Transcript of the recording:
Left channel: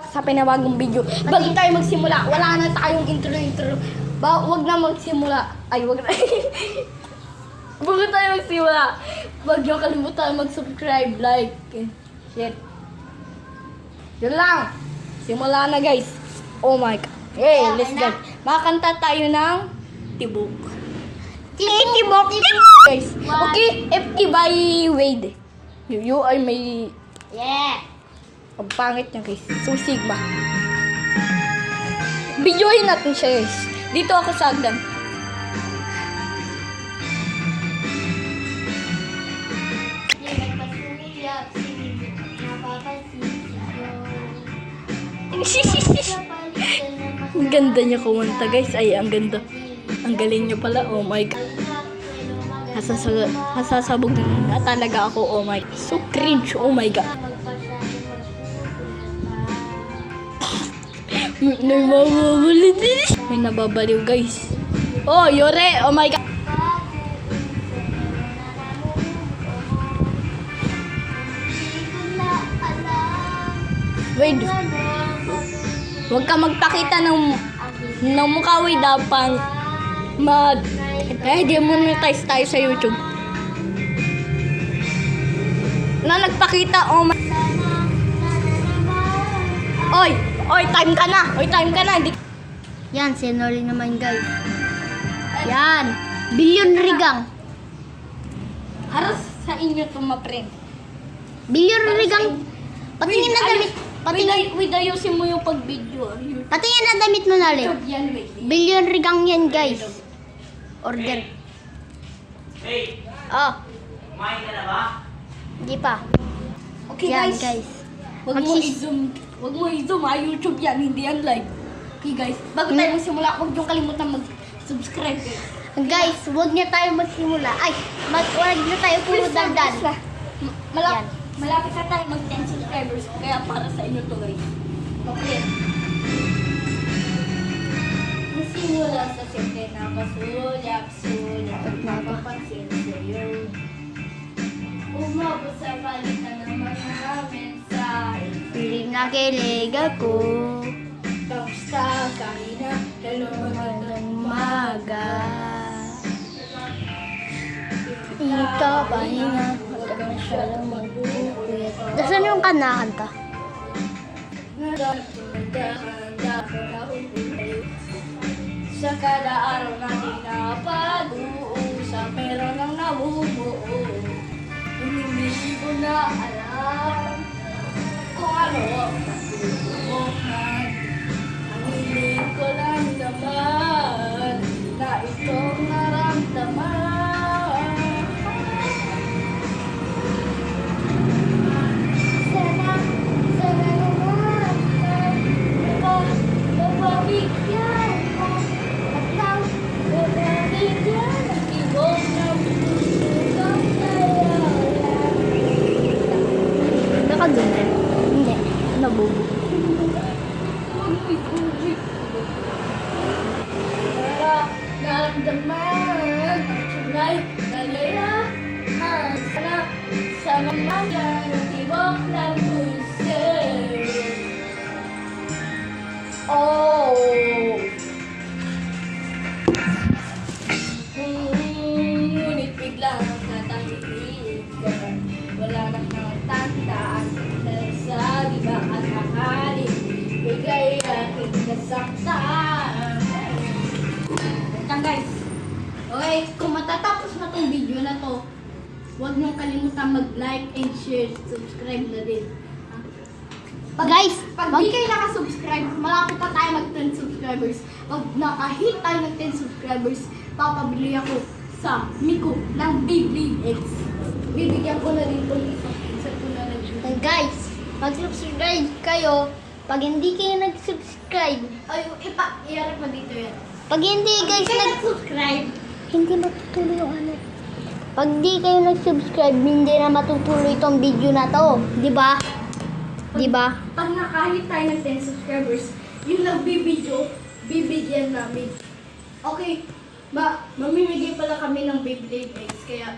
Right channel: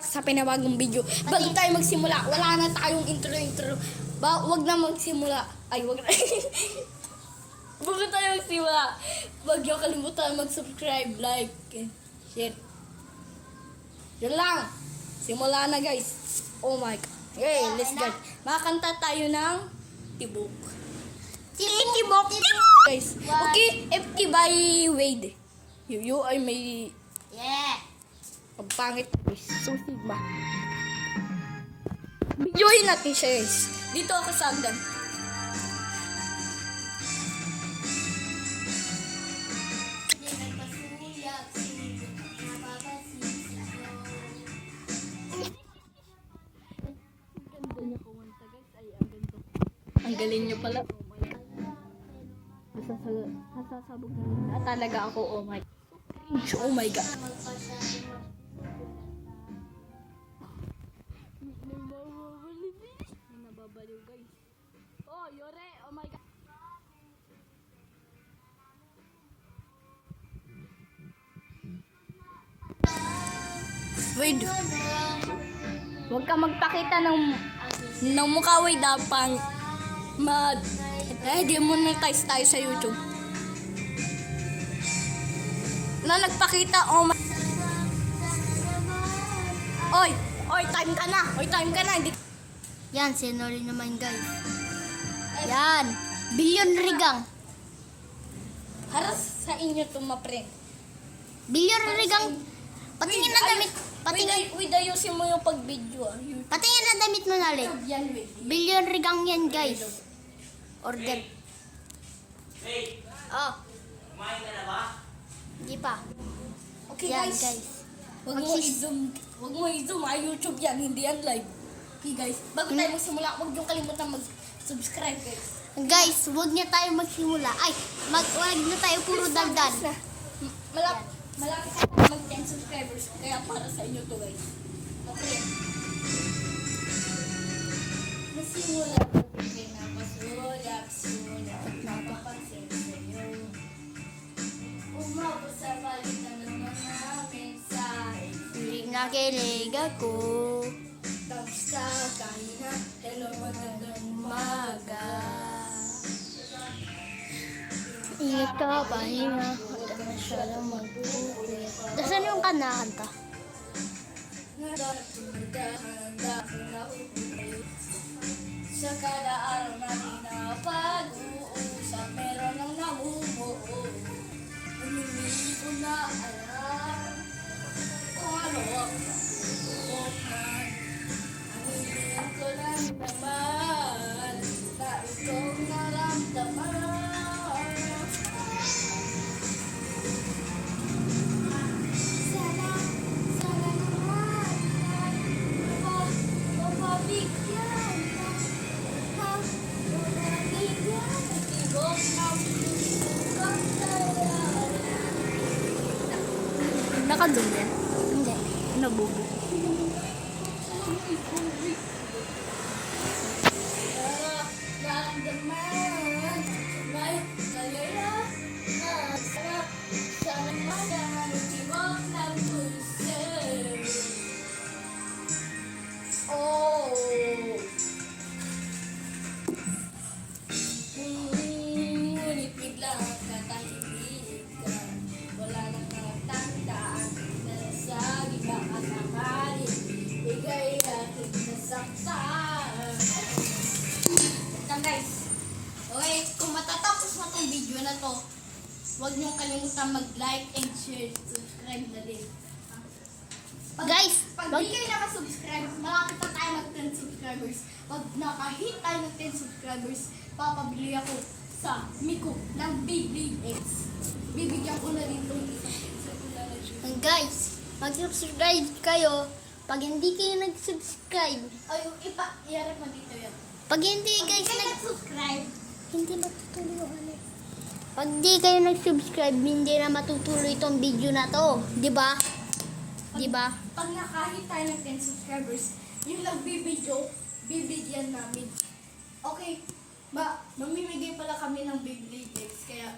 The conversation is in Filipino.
Sa pinabagong video. Bago tayo magsimula, wala na tayong intro. Wag na magsimula. Ay, wag na. Bago tayo magsimula, wag niyo kalimutan mag-subscribe, like, and share. Yun lang. Simula na, guys. Oh my God. Hey, let's go. Makakanta tayo ng Tibok. Tibok. Guys, okay? FT by Wade. You ay may... Yeah. Ang pangit niya, guys. So, Sigma. Videoin natin siya, guys. Dito ako sa agdan. Ang ganda niya kumanta, guys. Ay, ang ganda. Ang galing niya pala. Oh my God. Hasasabog na talaga ako. Oh my God. So cringe. Oh my God. May nababaliw, guys. Oh, Yore! Oh my God! Wait. Huwag ka magpakita ng mukha, wait, dapat demonetize tayo sa YouTube. Na nagpakita, oh my... Oy, time ka na. Yan, sinori naman guys. Yan. Billion rigang. Haras sa inyo to, ma-friend. Billion rigang. Patingin na damit. Wait, ayusin mo yung pag-video. Patingin na damit mo nali. Yan, wait. Billion rigang yan guys. Order. Hey, Oh, kumain ka na ba? di pa. Okay, Yan guys. guys. Huwag mo i-zoom, YouTube yan, hindi yan live. Okay, guys. Bago tayo magsimula, huwag niyong kalimutan mag-subscribe, guys. Guys, huwag niya tayo magsimula. Ay, huwag niya tayo puro dandan. Yan. Malapit na tayo mag-10 subscribers, kaya para sa inyo to, guys. Okay. Magsimula sa siyempre nakasulat at napapansin sa'yo. Umabot sa palitan ng mga mensahe. Piling nakilig ako. Kamusta kahit na hello magandang Umaga. Ito, pahinga. Nasaan yung kanakanta? Sa kada araw natin napag-uusap, meron ang namumuo. Hindi ko na alam kung ano ang pagbubukan. Ang hiling ko lang naman na itong naramdaman. Sana naman ay mababigyan mo at nang mababigyan ang tibok ng pusong Nakadun. Hindi. Nabubo. para naramdaman tunay na layahan sana sa mamaya ng tibok ng puso. Oh. Ngunit biglang natahimik ka. Wala nang nakatandaan na nagsabi baka sakali bigay aking kasaktan. Yan, guys. Okay, kung matatapos na tong video na to, huwag niyong kalimutan mag-like and share, subscribe na din. Guys, Pag di kayo nakasubscribe, malapit pa tayo mag-10 subscribers. Pag nakahit tayo ng 10 subscribers, papabili ako sa Miko ng Beyblade X. Bibigyan ko na rin po yung isa ko na rin. guys, mag-subscribe kayo. Pag hindi kayo nag-subscribe, Ay, i-arap mo dito yan. pag hindi guys Nag-subscribe. hindi matutuloy yung ano. Pag di kayo nag-subscribe, hindi na matutuloy itong video na to. Di ba? Di ba? Pag nakahit tayo ng 10 subscribers, yung nagbibideo, bibigyan namin. Okay, mamimigay pala kami ng Beyblade X, kaya